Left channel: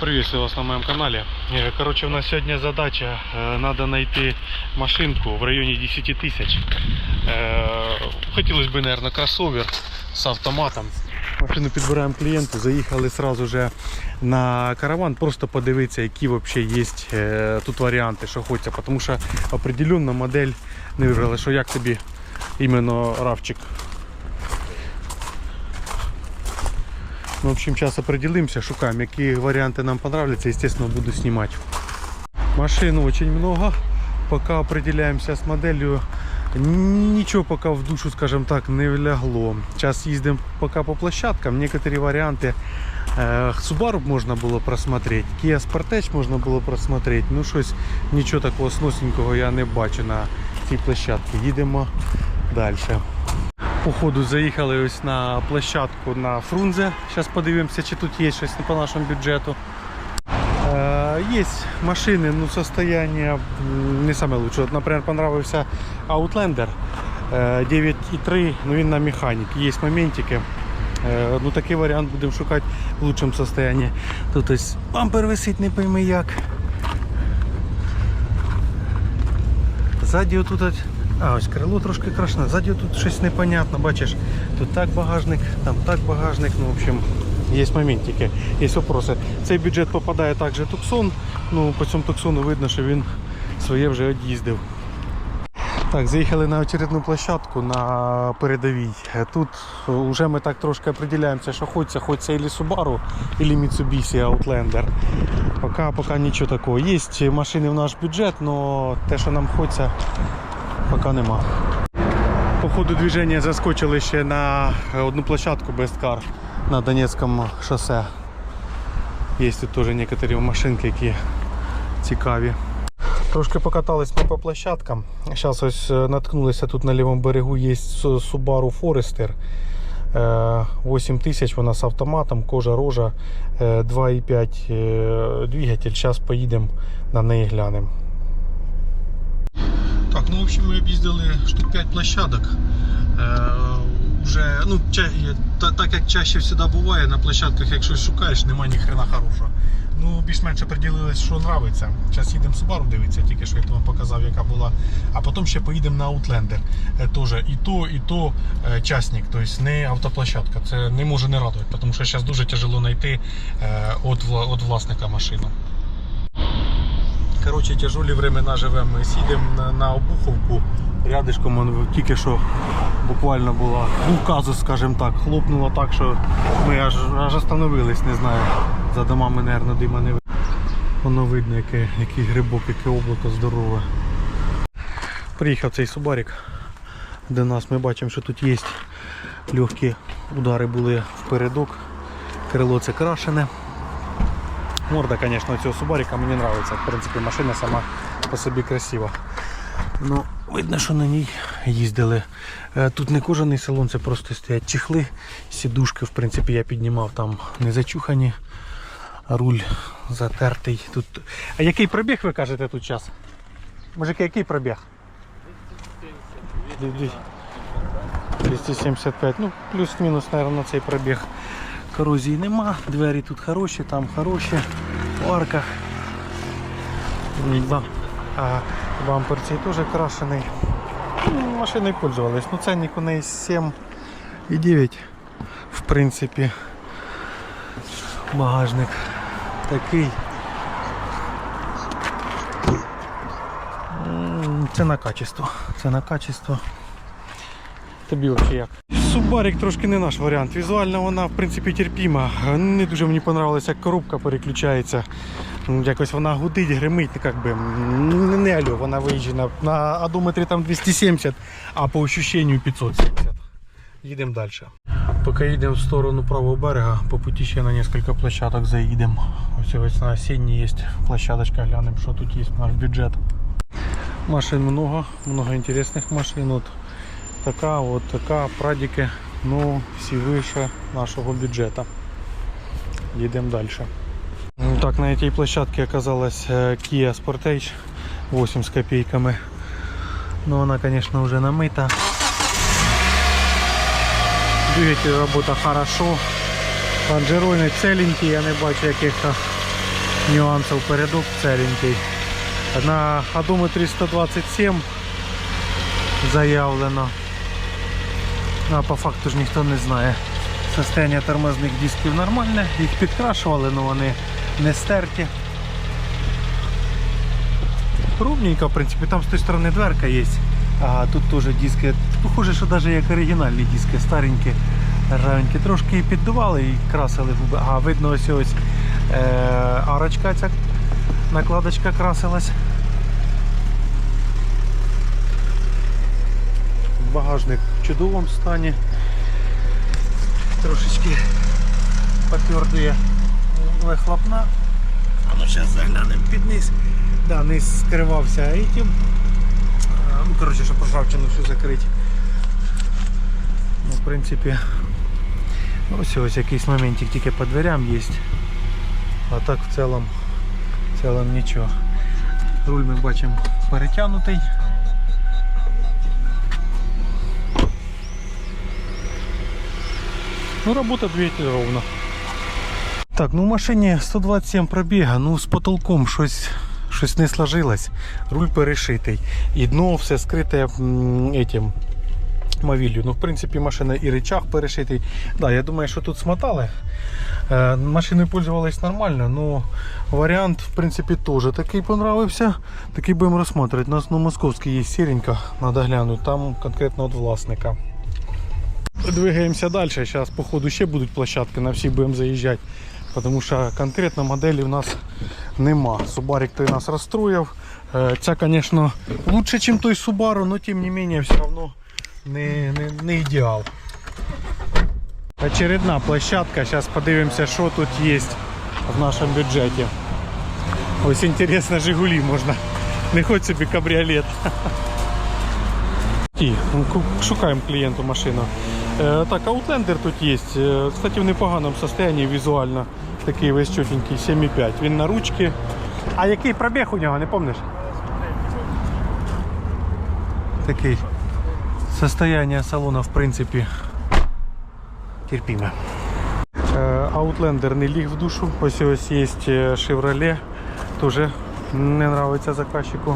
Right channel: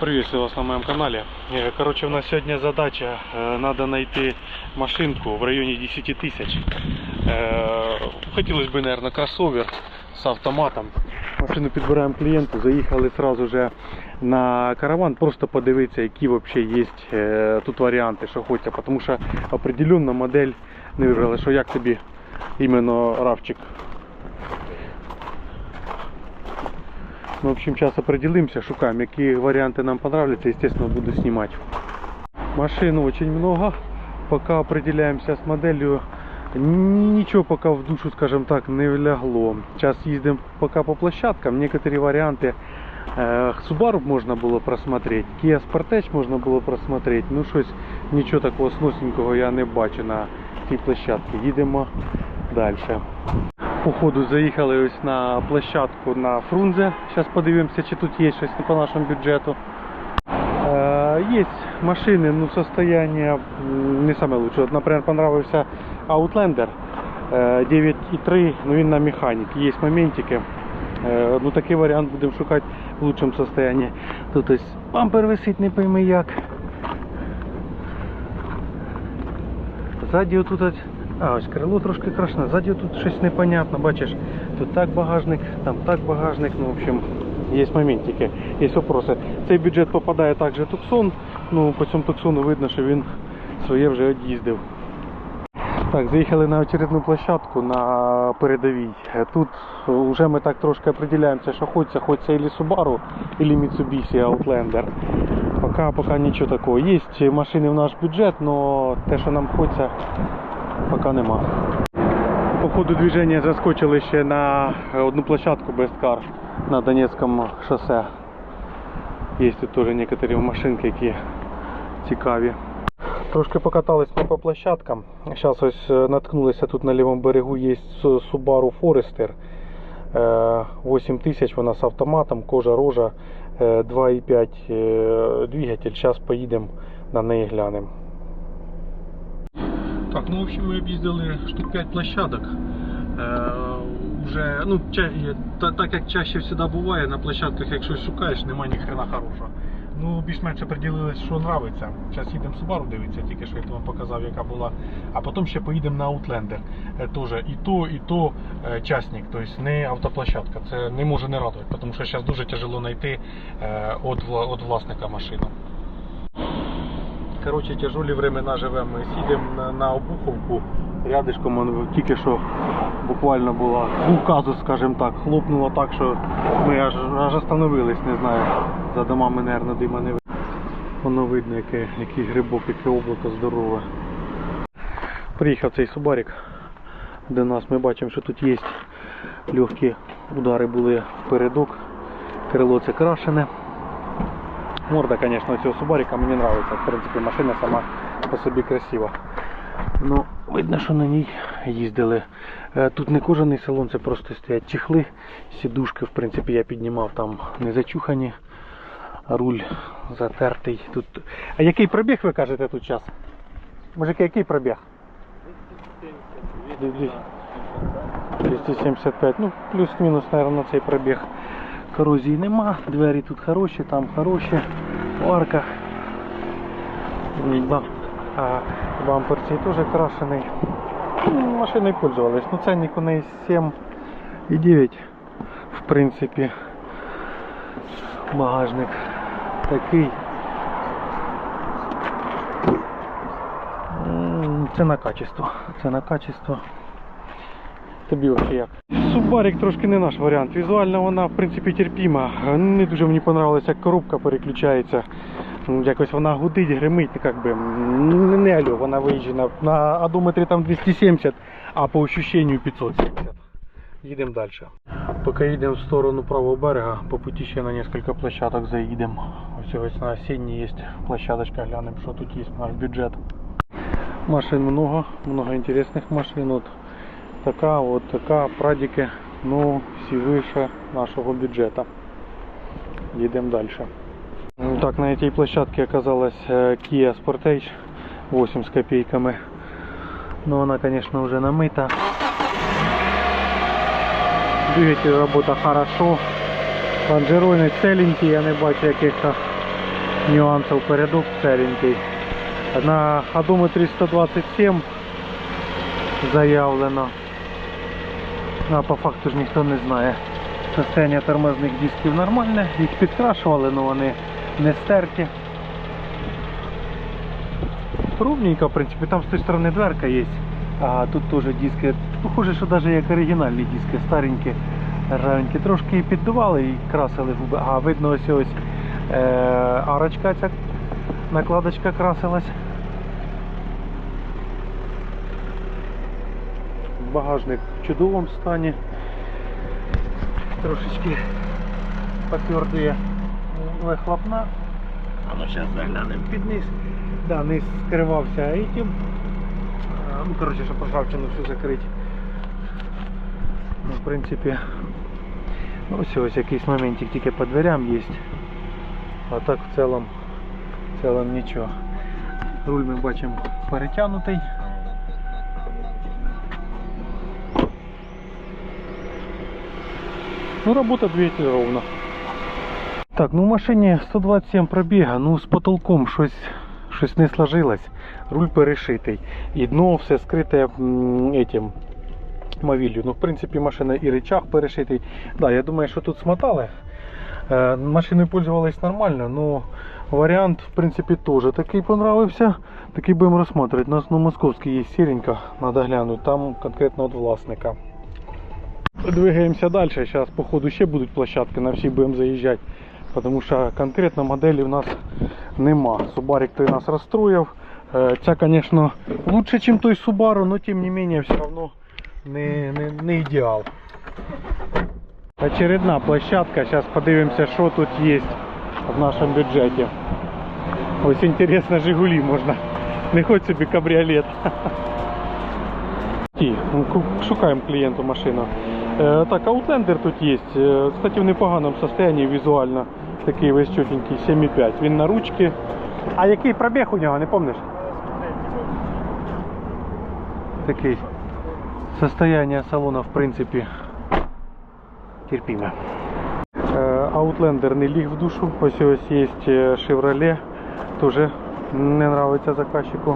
Приветствую вас на моем канале. Э, Короче, у нас сегодня задача, э, надо найти машинку в районе 10 тысяч. Э, Хотелось бы, наверное, кроссовер с автоматом. Машину підбираємо клієнту, заїхали сразу же на караван, просто подивитися, які взагалі є е, тут варіанти, що хочеться. Тому що определенно модель не вибрали, що як тобі іменно равчик. Ну, в общем, сейчас определимся, шукаем, какие варианты нам понравятся, естественно, буду снимать. Машин очень много, пока определяемся с моделью, ничего пока в душу, скажем так, не влягло. Сейчас ездим пока по площадкам, некоторые варианты э, Subaru можно было просмотреть, Kia Sportage можно было просмотреть, ну щось, нічого такого сносненького я не бачу на цій площадці. Їдемо далі. Походу заїхали ось на площадку на Фрунзе. Зараз подивимося, чи тут є щось по нашому бюджету. Е, Є машини, ну состояние не саме лучше. От, наприклад, понравився Outlander е, 9.3, ну він на механіки. Є моментики. Е, Ну такий варіант будемо шукати в лучшому состоянии. Тут ось бампер висить, не пойми як. Ззаді отут, от- а ось крило трошки крашне, ззаді тут щось непонятно, бачиш, тут так багажник, там так багажник, ну в общем, є моментики, є вопроси. Цей бюджет попадає також Туксон, ну по цьому Туксону видно, що він своє вже від'їздив. Так, заїхали на очередну площадку на передовій. Тут вже ми так трошки определяємося, що хочеться, хочеться или Subaru, или Mitsubishi Outlander. Пока, пока нічого такого. Є машини в наш бюджет, але те, що нам хочеться, поки нема. По ходу движення заскочили ще на одну площадку Car на Донецькому шосе. Є тут теж некоторі машинки, які цікаві. Трошки покатались ми по площадкам. Зараз ось е, наткнулися тут на лівому берегу є Su- Subaru Forester. Е, 8 тисяч вона з автоматом, кожа рожа, е, 2,5 е, двигатель. Зараз поїдемо на неї глянемо. Так, ну в общем ми об'їздили штук 5 площадок. Е, Уже, ну, ча- та- так як чаще завжди буває, на площадках, як щось шукаєш, немає ні хрена хорошого. Ну, більш-менш определились, що нравиться. Зараз їдемо Subaru дивитися, тільки що я вам показав, яка була. А потім ще поїдемо на Outlander. Е, Тоже і то, і то е, частник, тобто не автоплощадка. Це не може не радувати, тому що зараз дуже тяжело знайти е, вла- від власника машину. Коротше, тяжелі времена живемо. Сідемо на, Обуховку. Рядишком он тільки що буквально була казус, скажімо так, хлопнуло так, що ми аж, аж остановились, не знаю. За домами, мабуть, дима не видно. Воно видно, яке, який грибок, яке облако здорове. Приїхав цей субарик до нас. Ми бачимо, що тут є легкі удари були впередок. Крило це крашене. Морда, конечно, цього Субарика мені подобається. В принципі, машина сама по собі красива. Ну, видно, що на ній їздили. Е, Тут не кожаний салон, це просто стоять чехли, сідушки, в принципі, я піднімав там не зачухані. Руль затертий. Тут... А який пробіг ви кажете тут час? Мужики, який пробіг? 275, ну плюс-мінус, мабуть, цей пробіг. Корозії нема, двері тут хороші, там хороші, в арках. А бампер цей теж крашений. Ну, Машиною пользувались. Ну ценник у неї 7 і 9. В принципі. Багажник такий. Це на качество. Це на качество. Тобі взагалі як? Субарик трошки не наш варіант. Візуально вона в принципі терпіма. Не дуже мені подобалося, як коробка переключається. Ну, Якось вона гудить, гримить, ну, як би, м, не алло, вона виїжджена на одометрі там 270, а по ощущенню 570. Їдемо далі. Поки їдемо в сторону правого берега, по путі ще на кілька площадок заїдемо. Ось ось на осінній є площадочка, глянемо, що тут є наш бюджет. Машин много, много інтересних машин. От така, от така, прадіки, ну всі вище нашого бюджету. Їдемо далі. Ну, Так, на этой площадке оказалась э, Kia Sportage 8 с копейками. Но она, конечно, уже намыта. Двигатель работа хорошо. Лонжероны целенькие, я не бачу яких-то нюансів передок целенький. На одометрі 127 заявлено. А по факту ж ніхто не знає. Состояние тормозних дисків нормальне, їх підкрашували, але вони не стерті. Ровненько, в принципі, там з тої сторони дверка є. А тут теж диски. Похоже, що навіть як оригінальні диски, старенькі, ржавенькі. Трошки і піддували і красили губи. А видно ось ось е, арочка ця накладочка красилась. Багажник в чудовому стані. Трошечки потвердує вихлопна. А ну зараз заглянемо під низ. Да, низ скривався этим. Ну, коротше, щоб ржавчину всю закрити. Ну, в принципі, ну, ось ось якийсь моментик тільки по дверям є. А так в цілому, в цілому нічого. Руль ми бачимо перетягнутий. Ну, робота двигатель ровно. Так, ну в машині 127 пробіга, ну з потолком щось, щось не сложилось. Руль перешитий. І дно все скрите этим мовіллю. Ну, в принципі, машина і рычаг перешитий. Да, я думаю, що тут смотали. Е, машиною пользовались нормально, но варіант, в принципі, теж такий понравився. Такий будемо розглядати. У нас на московській є сіренька, треба глянути, там конкретно від власника. Двигаемся дальше. Сейчас, походу, ще будуть площадки, на всі будемо заїжджати. Тому що конкретно моделі в нас нема. Субарик той нас розстроїв. Е, Ця, звісно, лучше, ніж той Subaru, але тим не менше все одно не, не, не ідеал. Очередна площадка. Зараз подивимося, що тут є в нашому бюджеті. Ось інтересно, Жигулі можна. Не хоч собі кабріолет. І, ну, шукаємо клієнту машину. Е, так, Outlander тут є. Е, Кстати, в непоганому стані візуально. Такий весь чотенький, 7,5. Він на ручки. А який пробіг у нього, не пам'ятаєш? Такий. Состояние салона, в принципі, терпіме. Outlander не ліг в душу. Ось ось є е, Chevrolet. Тоже не нравиться заказчику.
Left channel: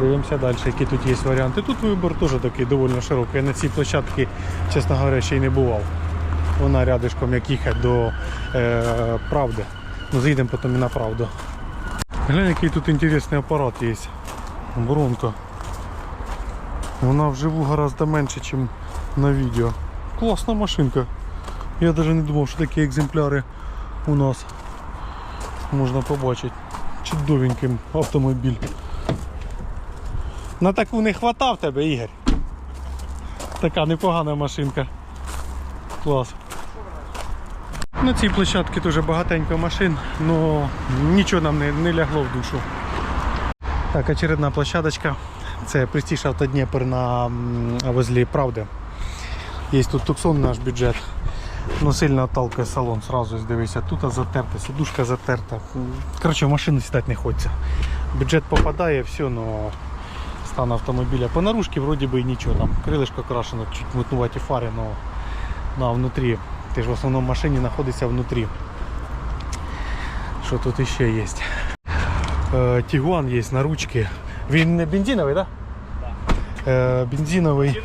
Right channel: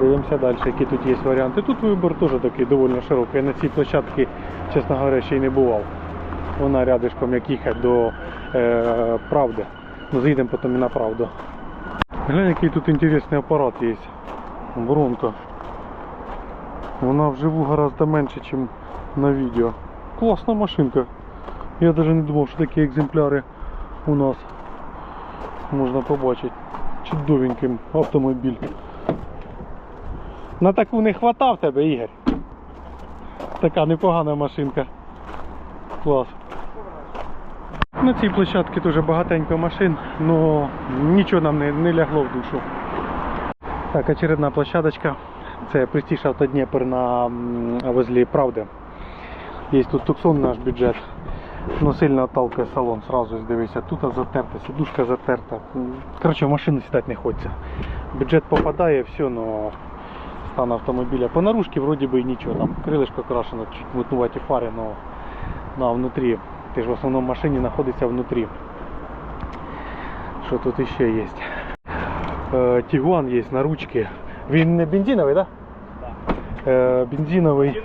Дивимося далі, які тут є варіанти. Тут вибір теж такий доволі широкий. Я на цій площадці, чесно говоря, ще й не бував. Вона рядишком, як їхати до е, правди. Ну, заїдемо потім і на правду. Глянь, який тут інтересний апарат є. Бронка. Вона вживу гораздо менше, ніж на відео. Класна машинка. Я навіть не думав, що такі екземпляри у нас можна побачити. Чудовенький автомобіль. На таку не хватав тебе, Ігор. Така непогана машинка. Клас. На цій площадці дуже багатенько машин, але нічого нам не, не лягло в душу. Так, очередна площадочка. Це Auto Дніпр на м, возле Правди. Є тут туксон наш бюджет. Ну, сильно отталкує салон, сразу дивися. Тут затерта, сидушка затерта. Коротше, в машину сідати не хочеться. Бюджет попадає, все, но стан автомобіля. По наружці вроді би і нічого. Там крилишко крашено, чуть мутнуваті фари, но ну, а внутрі. Ти ж в основному в машині знаходиться внутрі. Що тут ще є? Е, Тігуан є на ручці. Він не бензиновий, так? Да? Е, бензиновий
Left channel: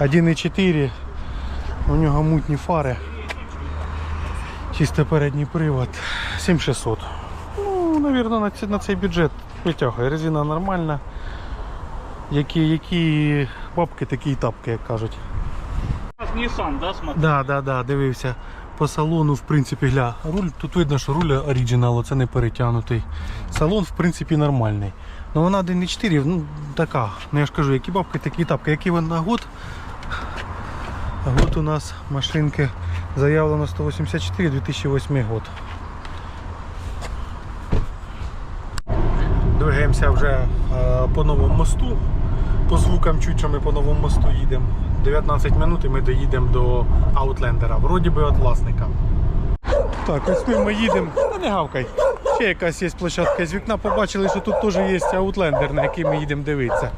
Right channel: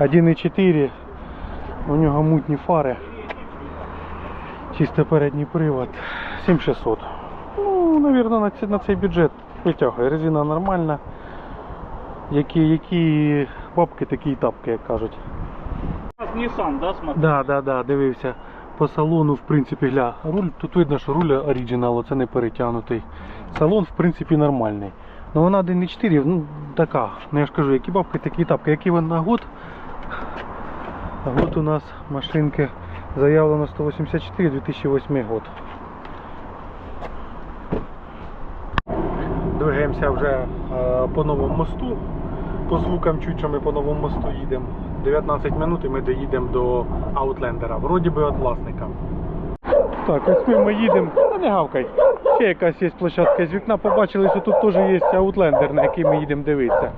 1,4. У нього мутні фари. Чисто передній привод. 7600. Ну, на, на цей бюджет витягує. Резина нормальна. Які, які бабки, такі і тапки, як кажуть. У нас Nissan, да, смотри? Да, да, да, дивився. По салону, в принципі, гля. Руль, тут видно, що руль оригінал, це не перетягнутий. Салон, в принципі, нормальний. Ну вона 1.4, ну така. Ну я ж кажу, які бабки, такі і тапки. Який вона год? Год у нас машинки заявлено 184, 2008 год. Двигаємося вже е, по новому мосту. По звукам чуть, що ми по новому мосту їдемо. 19 минут і ми доїдемо до Аутлендера. Вроді би від власника. Так, ось ми, їдемо. Не гавкай. Ще якась є площадка з вікна. Побачили, що тут теж є Аутлендер, на який ми їдемо дивитися.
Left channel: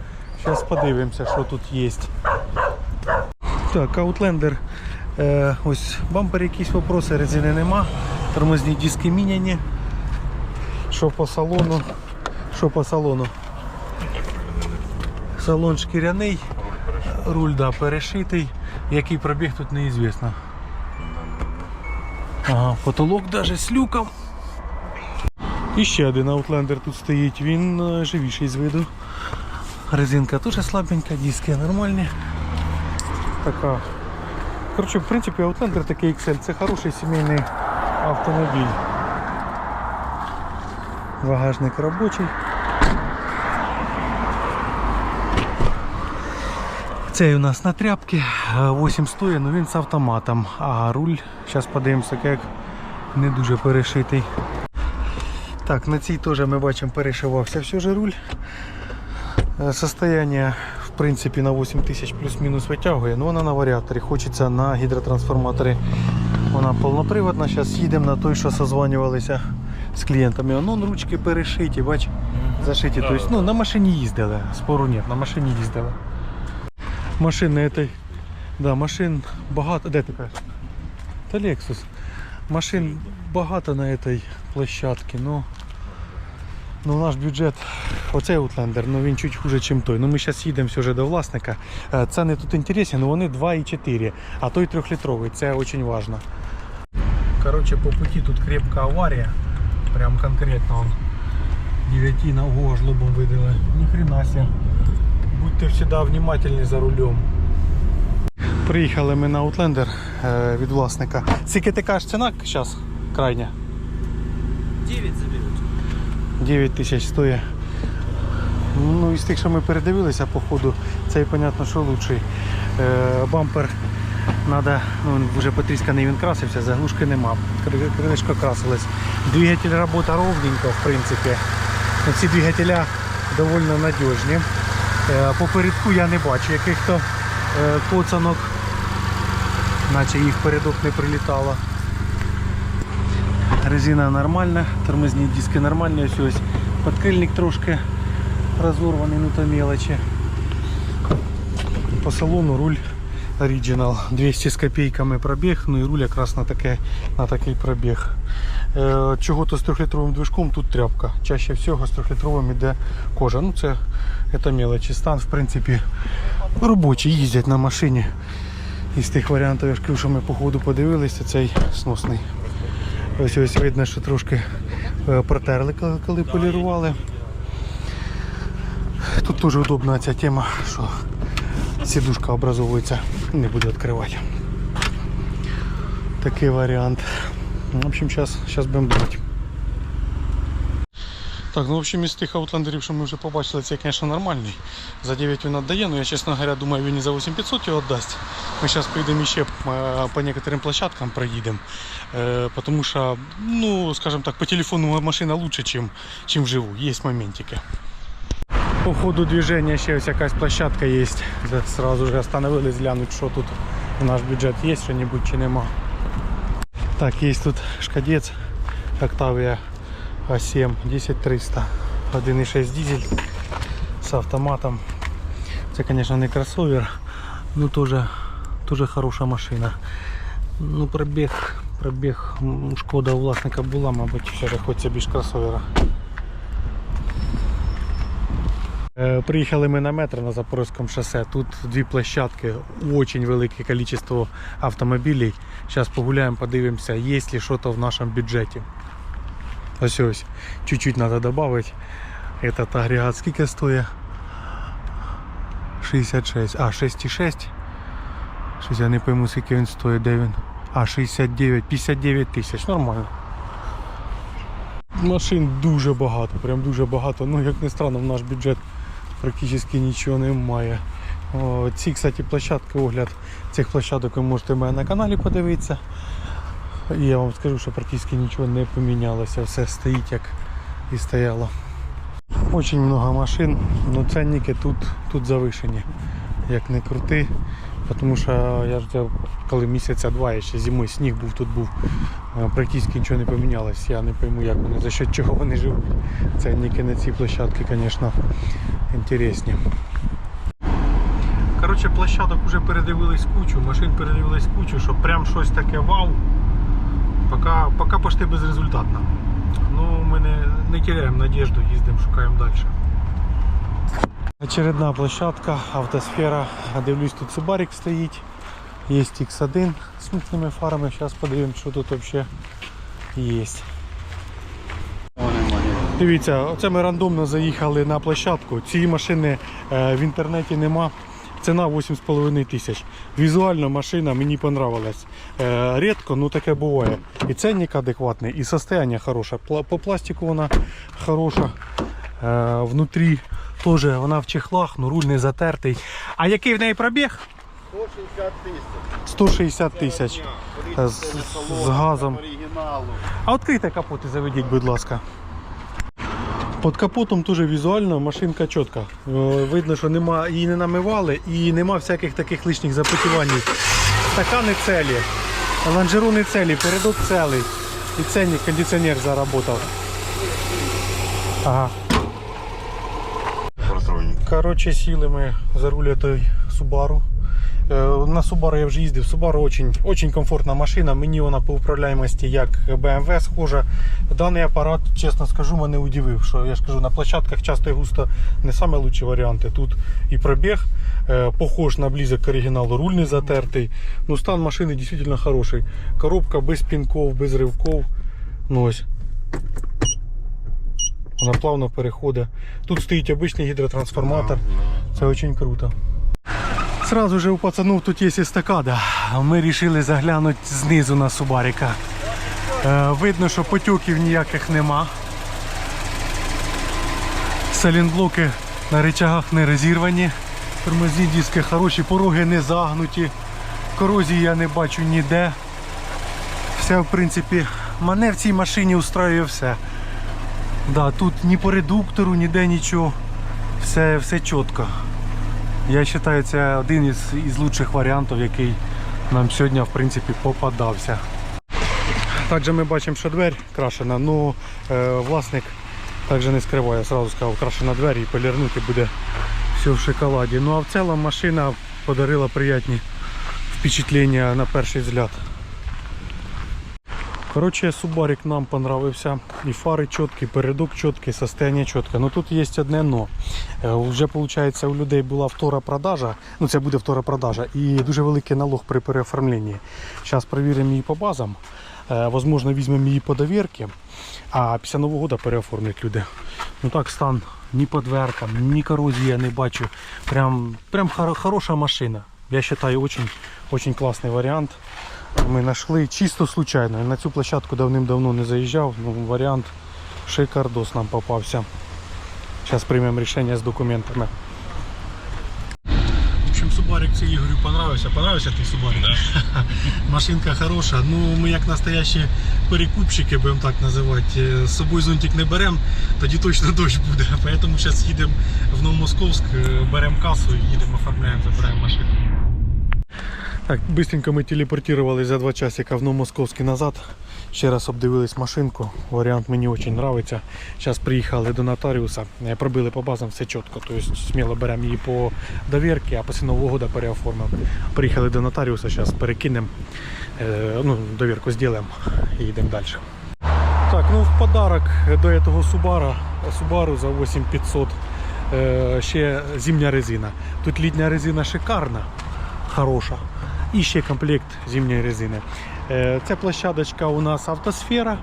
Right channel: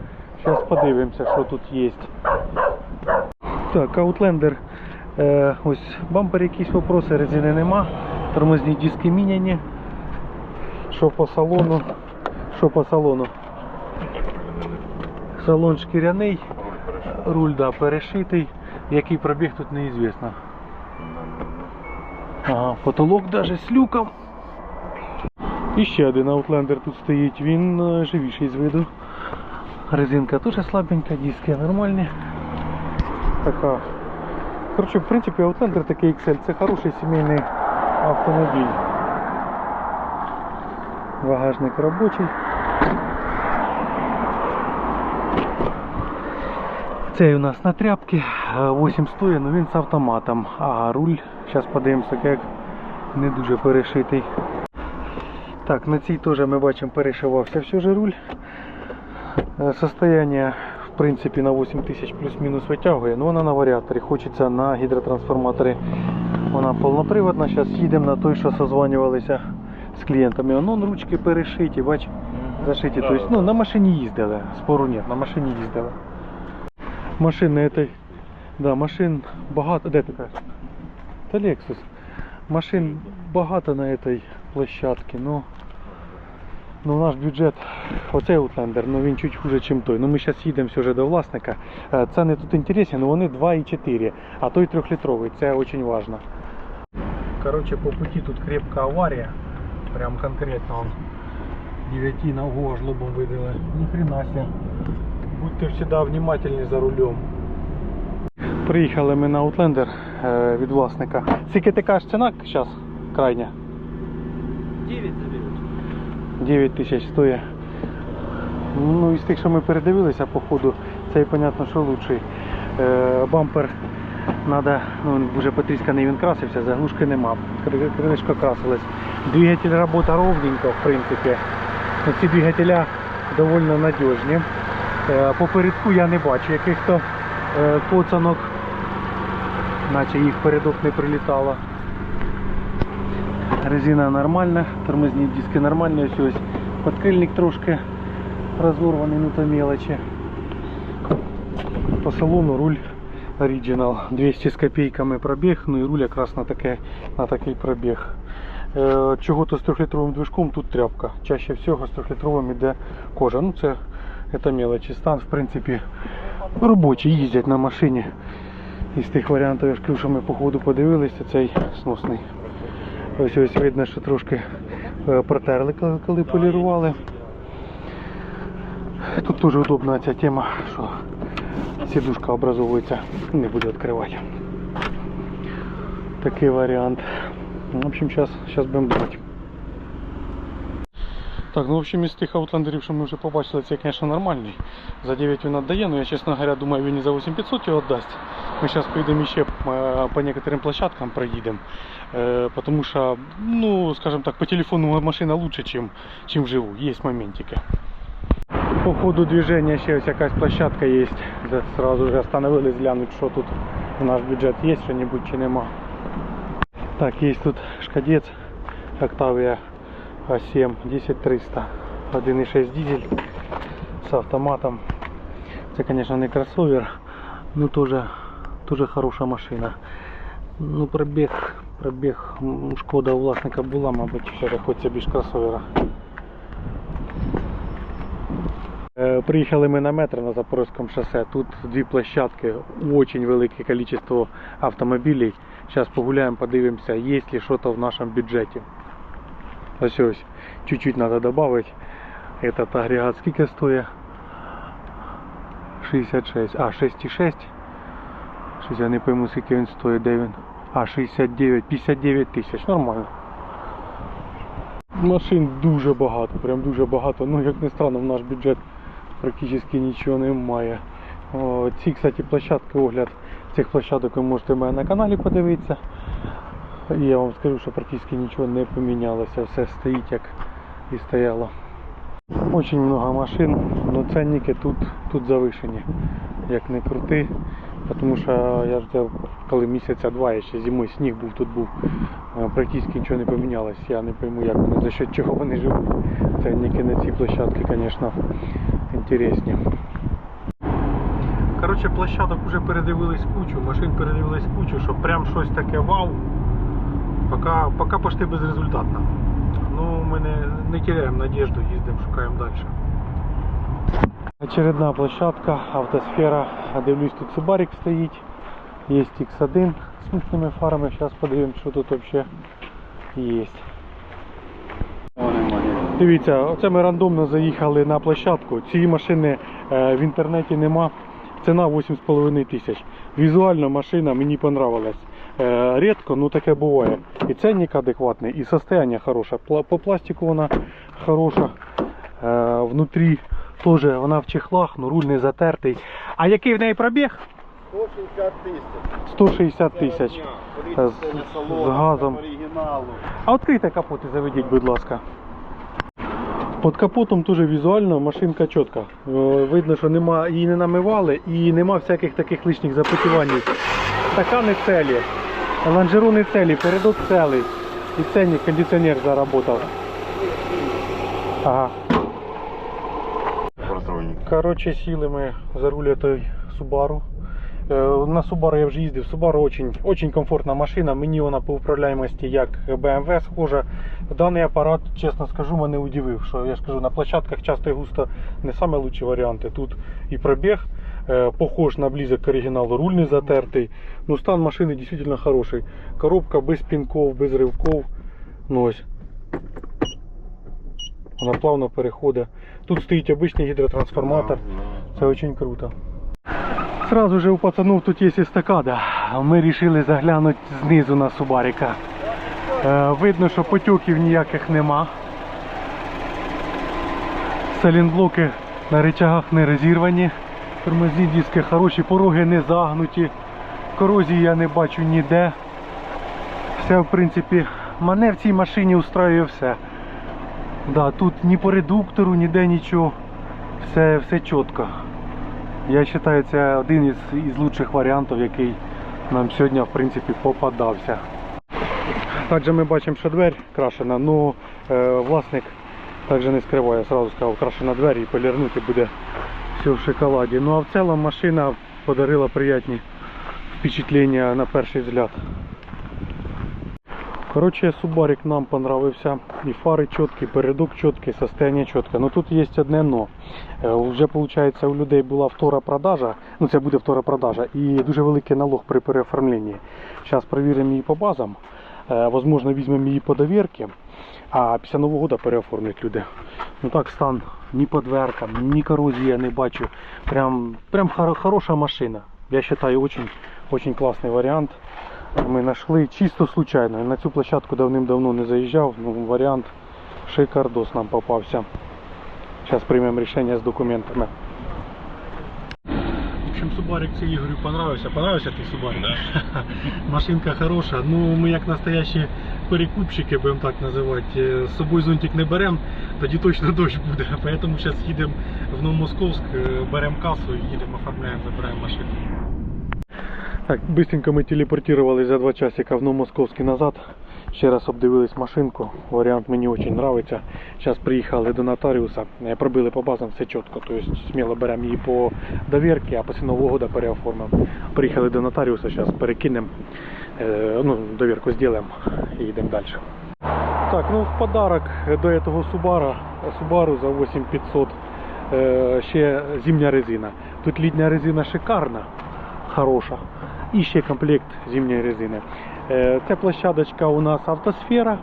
Зараз подивимося, що тут є. Так, Outlander. Е, ось бампер якісь вопроси, резини нема. Тормозні диски міняні. Що по салону? Що по салону? Салон шкіряний, руль да, перешитий. Який пробіг тут неізвісно. Ага, потолок навіть з люком. І ще один аутлендер тут стоїть, він е, живіший з виду. Резинка теж слабенька, диски нормальні. Така. Коротше, в принципі, аутлендер такий XL, це хороший сімейний автомобіль. Багажник робочий. Цей у нас на тряпці, 8 стоїть, але він з автоматом. А руль, зараз подивимося, як не дуже перешитий. Так, на цій теж ми бачимо перешивався все же руль. Е, Состояние в принципі на 8 тисяч плюс-мінус витягує, але вона на варіаторі. Хочеться на гідротрансформаторі. Вона повноприводна. Зараз їдемо на той, що созванювалися з клієнтами. Воно ручки перешиті, бач, зашиті. Тобто, ну, на машині їздили, спору нет, на машині їздили. Машин этой, да, машин багато. Де кажеш? Та Lexus. Машин багато на этой площадці, ну. Ну, наш бюджет, оцей Outlander, ну він чуть хуже, ніж той. Ну ми зараз їдемо вже до власника. Е, Ціни тут інтересні, але вони 2,4, а той 3-літровий, це дуже важливо. Короче, по пути тут крепка аварія. Прям конкретно он. 9 на ого жлобом видали. Ни хрена себе. Будьте всегда внимательні за рулем. Приїхали ми на Outlander е, від власника. Скільки ти кажеш ціна зараз крайня? 9 заберуть. 9 тисяч стоїть. Ну, із тих, що ми передивилися по ходу, цей, понятно, що лучший. Е, бампер надо, ну, вже потрісканий, він красився, заглушки нема. Кри- Крилишко красилось. Двигатель робота ровненько, в принципі. Ці двигателя доволі надіжні. Е, по передку я не бачу яких-то е, коцанок, наче їх передок не прилітало. Резина нормальна, тормозні диски нормальні, ось ось подкрильник трошки розорваний, ну то мелочі. По салону руль Original 200 з копійками пробіг, ну і руль якраз на, таке, на такий пробіг. Е, Чого-то з 3-літровим движком тут тряпка. Чаще всього з 3-літровим іде кожа. Ну це, це мелочі. Стан в принципі робочий, їздять на машині. Із тих варіантів, я що ми по ходу подивилися, цей сносний. Ось ось видно, що трошки е, протерли, коли, полірували. Тут дуже удобна ця тема, що сідушка образовується, не буде відкривати. Такий варіант. В общем, зараз, будемо брати. Так, ну в общем, із тих аутландерів, що ми вже побачили, це, звісно, нормальний. За 9 він віддає, але я, чесно говоря, думаю, він і за 8500 його віддасть. Ми зараз поїдемо ще по некоторым площадкам проїдемо. Е, Потому що, ну, скажем так, по телефону машина лучше, чем, чем вживу. Є моментики. По ходу движения ще ось якась площадка є. Сразу же остановились глянуть, що тут в наш бюджет є що-небудь чи нема. Так, є тут шкадець Octavia А7 10300 1.6 дизель з автоматом. Це, звісно, не кросовер, ну теж, теж хороша машина. Ну, пробіг, пробіг шкода у власника була, мабуть, ж хочеться більш кросовера. Е, Приїхали ми на метро на Запорізькому шосе. Тут дві площадки, дуже велике кількість автомобілів. Зараз погуляємо, подивимося, є ли щось в нашому бюджеті. Ось ось, чуть-чуть треба додати. Этот агрегат скільки стоїть? 66. А, 6,6. Щось я не пойму, скільки він стоїть, де він. А, 69, 59 тисяч, нормально. Машин дуже багато, прям дуже багато. Ну, як не странно, в наш бюджет практично нічого немає. О, ці, кстати, площадки, огляд цих площадок ви можете в мене на каналі подивитися. Я вам скажу, що практично нічого не помінялося, все стоїть як і стояло. Очень много машин, але ценники тут, тут завишені, як не крути. Тому що я ж коли місяця два, я ще зимою сніг був, тут був, е, практично нічого не помінялось. Я не пойму, як вони, за що чого вони живуть. Ценники на ці площадки, звісно, інтересні. Коротше, площадок вже передивились кучу, машин передивились кучу, що прям щось таке вау. Поки, поки почти безрезультатно. Ну, ми не, не теряємо надежду, їздимо, шукаємо далі. Очередна площадка, автосфера. Дивлюсь, тут Субарик стоїть. Є X1 з мутними фарами. Зараз подивимось, що тут взагалі є. Дивіться, оце ми рандомно заїхали на площадку. Цієї машини е, в інтернеті нема. Ціна 8,5 тисяч. Візуально машина мені понравилась. Е, рідко, ну таке буває. І ценник адекватний, і состояние хороше. По пластику вона хороша. Е, внутрі теж вона в чехлах, ну руль не затертий. А який в неї пробіг? 160 тисяч. 160 тисяч. З, з газом. А відкрийте капот і заведіть, будь ласка. Під капотом теж візуально машинка чітка. Е, Видно, що нема, її не намивали і нема всяких таких лишніх запотівань. Стакани целі, лонжерони целі, передок целий. І ценник кондиціонер заработав. Ага. Коротше, сіли ми за руль той Subaru. Е, На Subaru я вже їздив. Subaru очень, очень комфортна машина. Мені вона по управляємості як BMW схожа. Даний апарат, чесно скажу, мене удивив. Що я ж кажу, на площадках часто і густо не саме лучші варіанти. Тут і пробіг е, похож на близок к оригіналу, руль не затертий. Ну, стан машини дійсно хороший. Коробка без пінков, без ривков. Ну ось. Вона плавно переходить. Тут стоїть обичний гідротрансформатор. Це дуже круто. Сразу же у пацанов тут є естакада. Ми вирішили заглянути знизу на Субарика. Е, видно, що потьоків ніяких нема. Салінблоки на речагах не розірвані. Тормозні диски хороші, пороги не загнуті. Корозії я не бачу ніде. Все, в принципі, мене в цій машині устраює все. Да, тут ні по редуктору, ніде нічого. Все, все чітко. Я вважаю, це один із, із лучших варіантів, який нам сьогодні в принципі попадався. Також ми бачимо, що двері крашена, але е, власник також не скриває, сразу сказав, крашена двері і полірнути буде все в шоколаді. Ну а в цілому машина подарила приятні впечатлення на перший взгляд. Короче, Субарик нам понравився. І фари чіткі, передок чіткий, состояние чітке. Ну тут є одне но. Е, Вже виходить, у людей була втора продажа. Ну це буде втора продажа. І дуже великий налог при переоформленні. Зараз перевіримо її по базам. Е, Возможно, візьмемо її по довірки. А після Нового року переоформлять люди. Ну так стан ні по дверкам, ні корозії я не бачу. Прям, прям хоро- хороша машина. Я вважаю, очень, очень класний варіант. Ми знайшли чисто случайно. На цю площадку давним-давно не заїжджав. Ну, варіант шикардос нам попався. Зараз приймемо рішення з документами. В общем, Субарик це Ігорю понравився. Понравився ти Субарик? Да. Машинка хороша. Ну, ми як настоящі перекупщики, будемо так називати, е, з собою зонтик не беремо, тоді точно дощ буде. Поэтому зараз їдемо в Новомосковськ, е, беремо касу і їдемо, оформляємо, забираємо машину. Так, быстренько ми телепортувалися за два часика в Новомосковський назад. Ще раз обдивились машинку. Варіант мені дуже подобається. Зараз приїхали до нотаріуса, е, пробили по базам все чітко. Тобто сміло беремо її по довірки, а після Нового року переоформимо. Приїхали до нотаріуса, зараз перекинемо, е, ну, довірку зробимо і йдемо далі. Так, ну в подарок до этого Subaru, Subaru за 8500 е, ще зимня резина. Тут літня резина шикарна, хороша. І ще комплект зимньої резини. Е, Це площадочка у нас автосфера.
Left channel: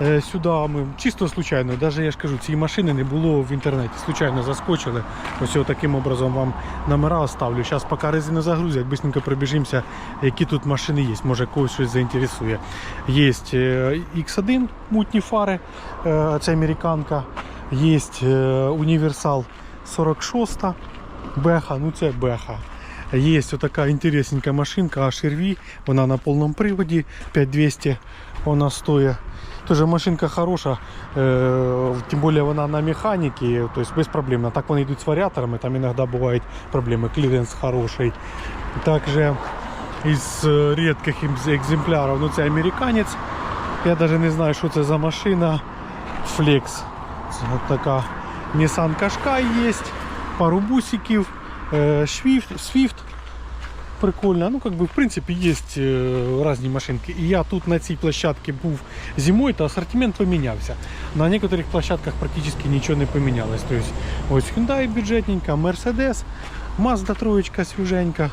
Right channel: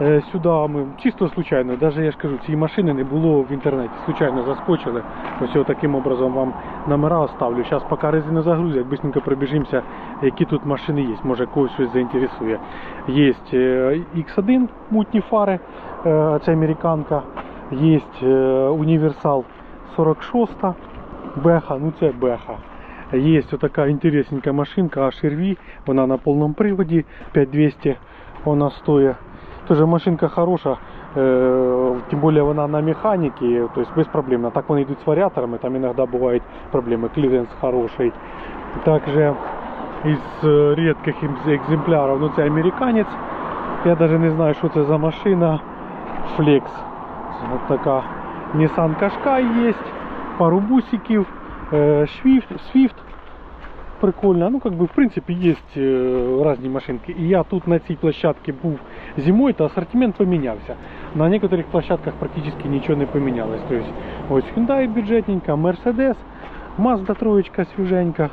Е, Сюди ми чисто случайно, навіть я ж кажу, цієї машини не було в інтернеті. Случайно заскочили. Ось таким образом вам номера оставлю. Зараз поки резину загрузять, быстренько пробіжимося, які тут машини є. Може когось щось заінтересує. Є X1 мутні фари, е, це американка. Є універсал 46 Беха, ну це Беха. Є ось така інтересненька машинка HRV, вона на повному приводі 5200 вона стоїть. Тоже машинка хороша, е, тим більше вона на механіки, тобто безпроблемно. Так вони йдуть з варіаторами, там іноді бувають проблеми, кліренс хороший. Також із е, рідких екземплярів, ну це американець. Я навіть не знаю, що це за машина. Flex. Це от така Nissan Qashqai є, пару бусиків, Swift, Swift прикольна. Ну, как бы, в принципе, есть э, разные машинки. И я тут на цій площадці був зимою, то ассортимент помінявся. На некоторых площадках практически нічого не помінялось. То есть, ось Hyundai бюджетненька, Mercedes, Mazda троечка свіженька.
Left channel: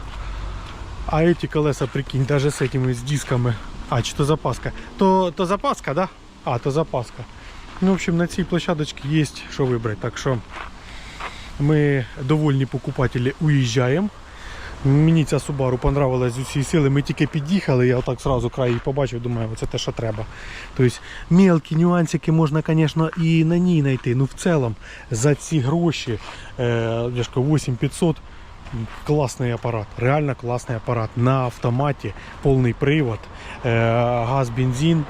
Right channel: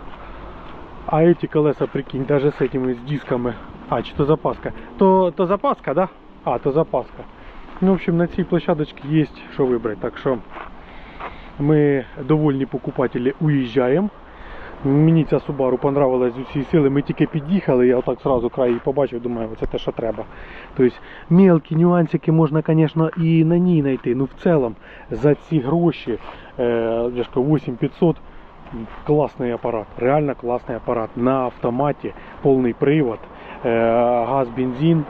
А эти колеса, прикинь, даже с этими, с дисками. А, чи то запаска. То, то запаска, да? А, то запаска. Ну, в общем, на цій площадочці є що вибрати. Так що ми довольні покупателі уїжджаємо. Мені ця Subaru понравилась з усієї сили. Ми тільки під'їхали, я отак сразу край її побачив, думаю, це те, що треба. Тобто мелкі нюансики можна, звісно, і на ній знайти. Ну, в цілому, за ці гроші, е, я ж 8500, класний апарат, реально класний апарат. На автоматі, повний привод, е, газ, бензин,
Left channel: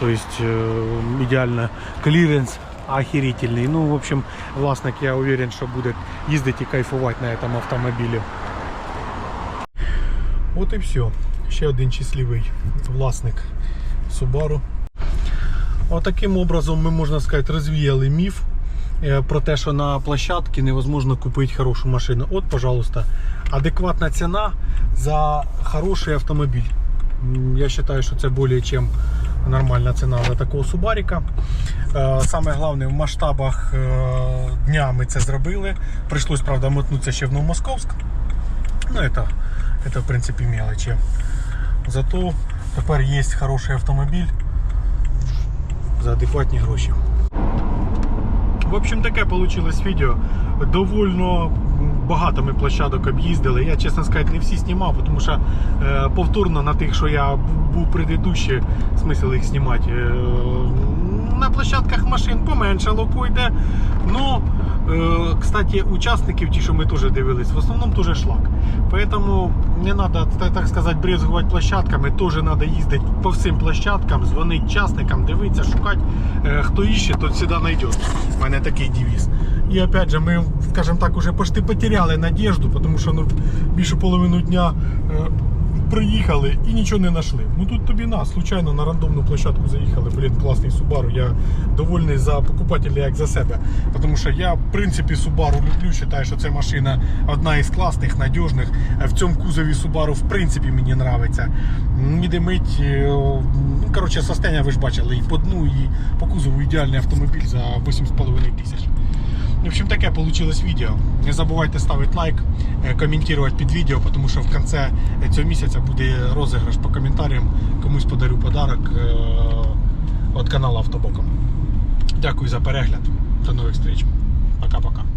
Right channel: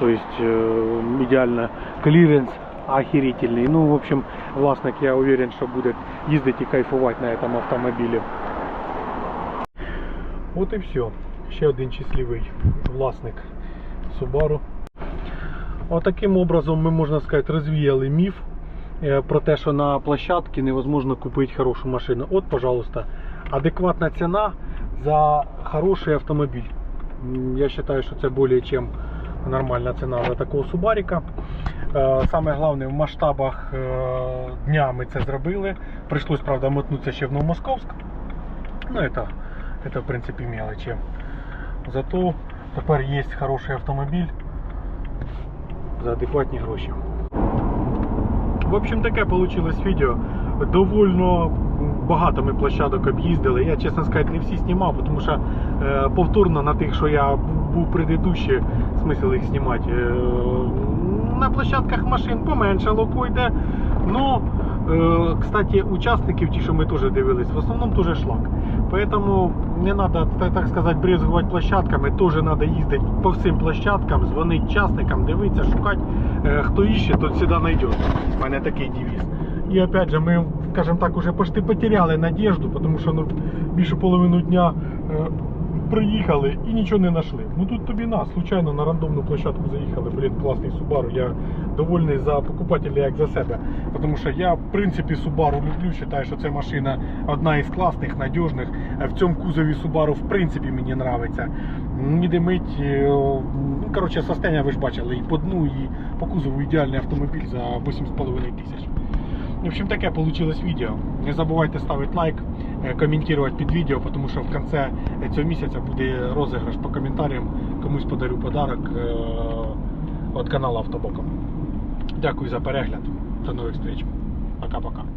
тобто е, ідеально кліренс охерительний. Ну, в общем, власник, я уверен, що буде їздити і кайфувати на цьому автомобілі. От і все. Ще один щасливий власник Subaru. Отаким образом ми, можна сказати, розвіяли міф е, про те, що на площадці невозможно купити хорошу машину. От, пожалуйста, адекватна ціна за хороший автомобіль. Я вважаю, що це більше, ніж нормальна ціна за такого Субаріка. Е, Саме головне, в масштабах е, дня ми це зробили. Прийшлось, правда, мотнутися ще в Новомосковськ. Ну, это, это в принципе мелочи. Зато тепер є хороший автомобіль за адекватні гроші. В общем, таке вийшло відео. Довольно багато ми площадок об'їздили. Я, чесно сказати, не всі знімав, тому що е, повторно на тих, що я був- був предыдущий, смисл їх знімати. На площадках машин поменшало койде. Но, е, кстати, учасників, ті, що ми теж дивились, в основному теж шлак. Поэтому не треба, так, сказати, брезгувати площадками. Теж треба їздити по всім площадкам, дзвонити частникам, дивитися, шукати. Е, Хто іще, тот завжди знайде. У мене такий девіз. І опять же, ми, скажімо так, уже почти потеряли надежду, тому що ну, більше половину дня е, приїхали і нічого не знайшли. Ну тут тобі на, случайно на рандомну площадку заїхали. Блін, класний Subaru. Я довольний за покупателя як за себе. Тому що я, в принципі, Subaru люблю, вважаю, що це машина одна із класних, надіжних. В цьому кузові Subaru, в принципі, мені подобається. Не димить. е, Ну, коротше, состояння ви ж бачили і по дну, і по кузову ідеальний автомобіль за 8,5 тисяч. В общем, таке вийшло відео. Не забувайте ставити лайк, е, коментувати під відео, тому що в кінці цього місяця буде розіграш по коментарям. Комусь подарю подарок е, від каналу Автобоком. Дякую за перегляд. До нових зустріч. Пока-пока.